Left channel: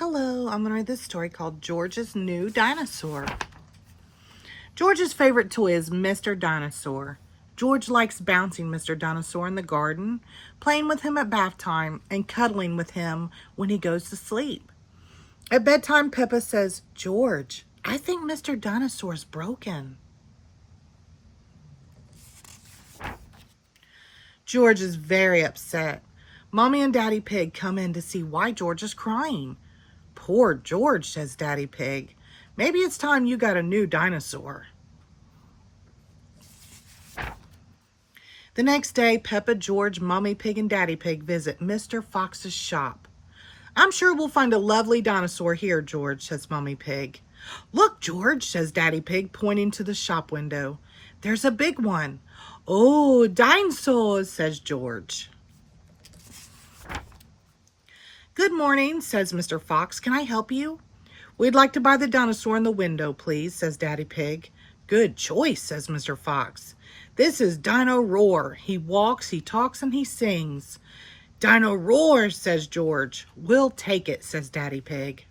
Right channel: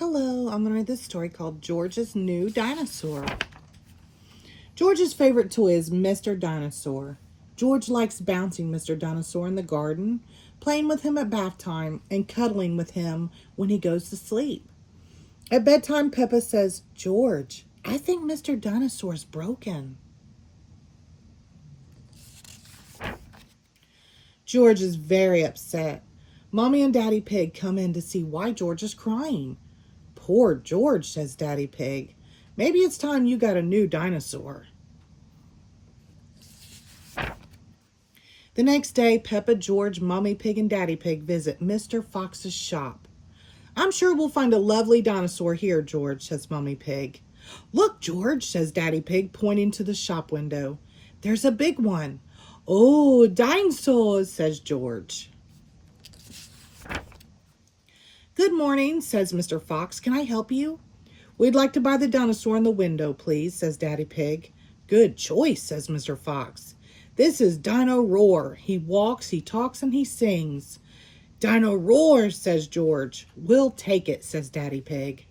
Hello, I'm going to read this story called George's New Dinosaur. George's favorite toy is Mr. Dinosaur. George likes bouncing Mr. Dinosaur in the garden, playing with him at bath time, and cuddling with him when he goes to sleep. At bedtime, Peppa says, "George, I think Mr. Dinosaur's broken." George is very upset. Mommy and Daddy Pig come in to see why George is crying. "Poor George," says Daddy Pig. "Maybe it's time you got a new dinosaur." The next day, Peppa, George, Mommy Pig, and Daddy Pig visit Mr. Fox's shop. "I'm sure we'll find a lovely dinosaur here, George," says Mommy Pig. "Look, George," says Daddy Pig, pointing to the shop window. "There's a big one." "Oh, dinosaurs," says George. "Good morning," says Mr. Fox. "Can I help you?" "We'd like to buy the dinosaur in the window, please," says Daddy Pig. "Good choice," says Mr. Fox. "This is Dino Roar. He walks, he talks, and he sings." "Dino Roar," says George. "We'll take it," says Daddy Pig.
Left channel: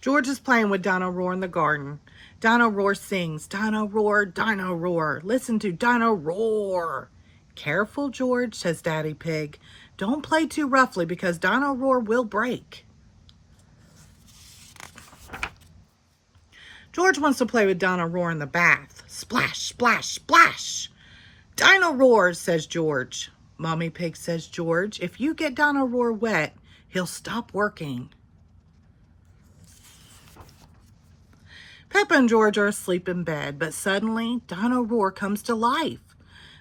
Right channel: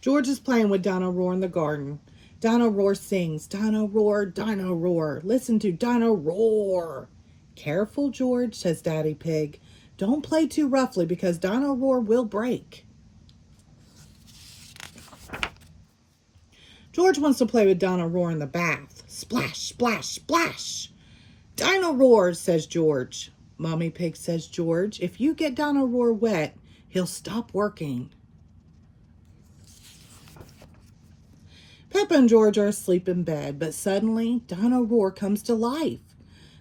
George is playing with Dino Roar in the garden. Dino Roar sings, "Dino Roar, Dino Roar. Listen to Dino Roar." "Careful, George," says Daddy Pig. "Don't play too roughly because Dino Roar will break." George wants to play with Dino Roar in the bath. Splash, splash, splash. "Dino Roar," says George. Mommy Pig says, "George, if you get Dino Roar wet, he'll stop working." Peppa and George are asleep in bed, but suddenly Dino Roar comes to life.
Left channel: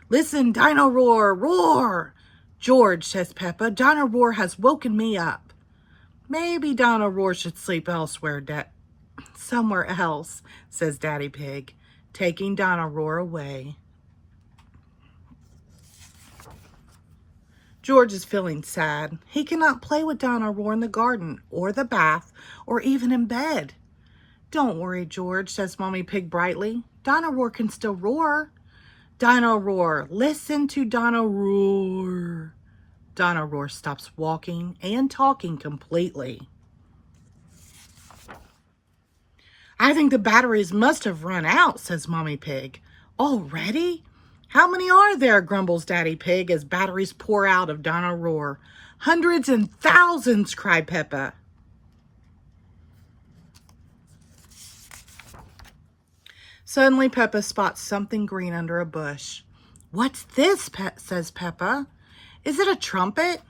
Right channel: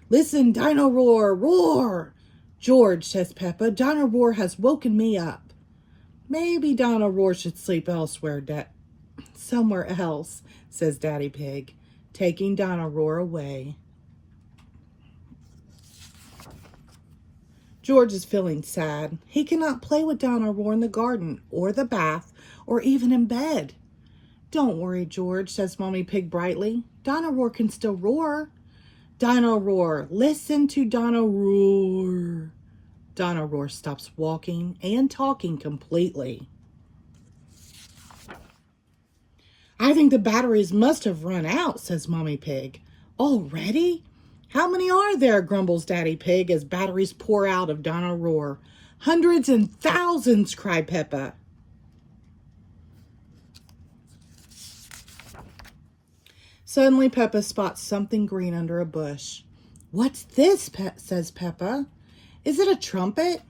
"Listen, Dino Roar, roar!" "George," says Peppa, "Dino Roar has woken me up." "Maybe Dino Roar should sleep elsewhere, somewhere else," says Daddy Pig, taking Dino Roar away. George is feeling sad. He cannot play with Dino Roar in the garden, or the bath, or even in bed. "Don't worry, George," says Mommy Pig brightly. "Dino Roar can still roar." "Dino Roar, listen to Dino Roar." Dino Roar stops walking and talking completely. "I think the batteries must have run out," says Mommy Pig. "Already? How many are there?" grumbles Daddy Pig as batteries pour out of Dino Roar. "Hundreds and thousands," cried Peppa. Suddenly, Peppa spots something green under a bush. "What's this?" says Peppa. "Is it a trumpet?"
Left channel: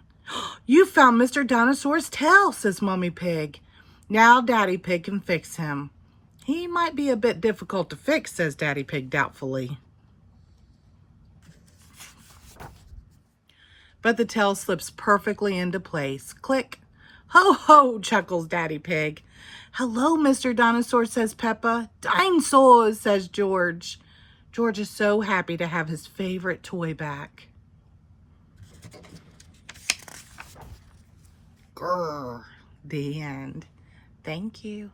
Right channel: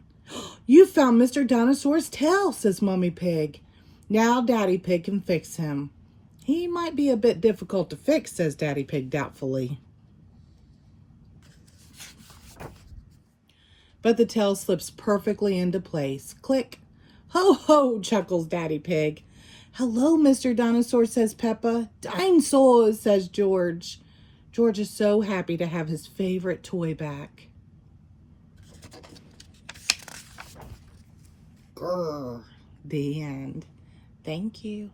"You found Mr. Dinosaur's tail," says Mommy Pig. "Now Daddy Pig can fix him." "He might be a bit difficult to fix," says Daddy Pig doubtfully. But the tail slips perfectly into place. Click. "Ho, ho," chuckles Daddy Pig. "Hello, Mr. Dinosaur," says Peppa. "Dinosaurs," says George. George is so happy to have his favorite toy back. Grrr. The end. Thank you.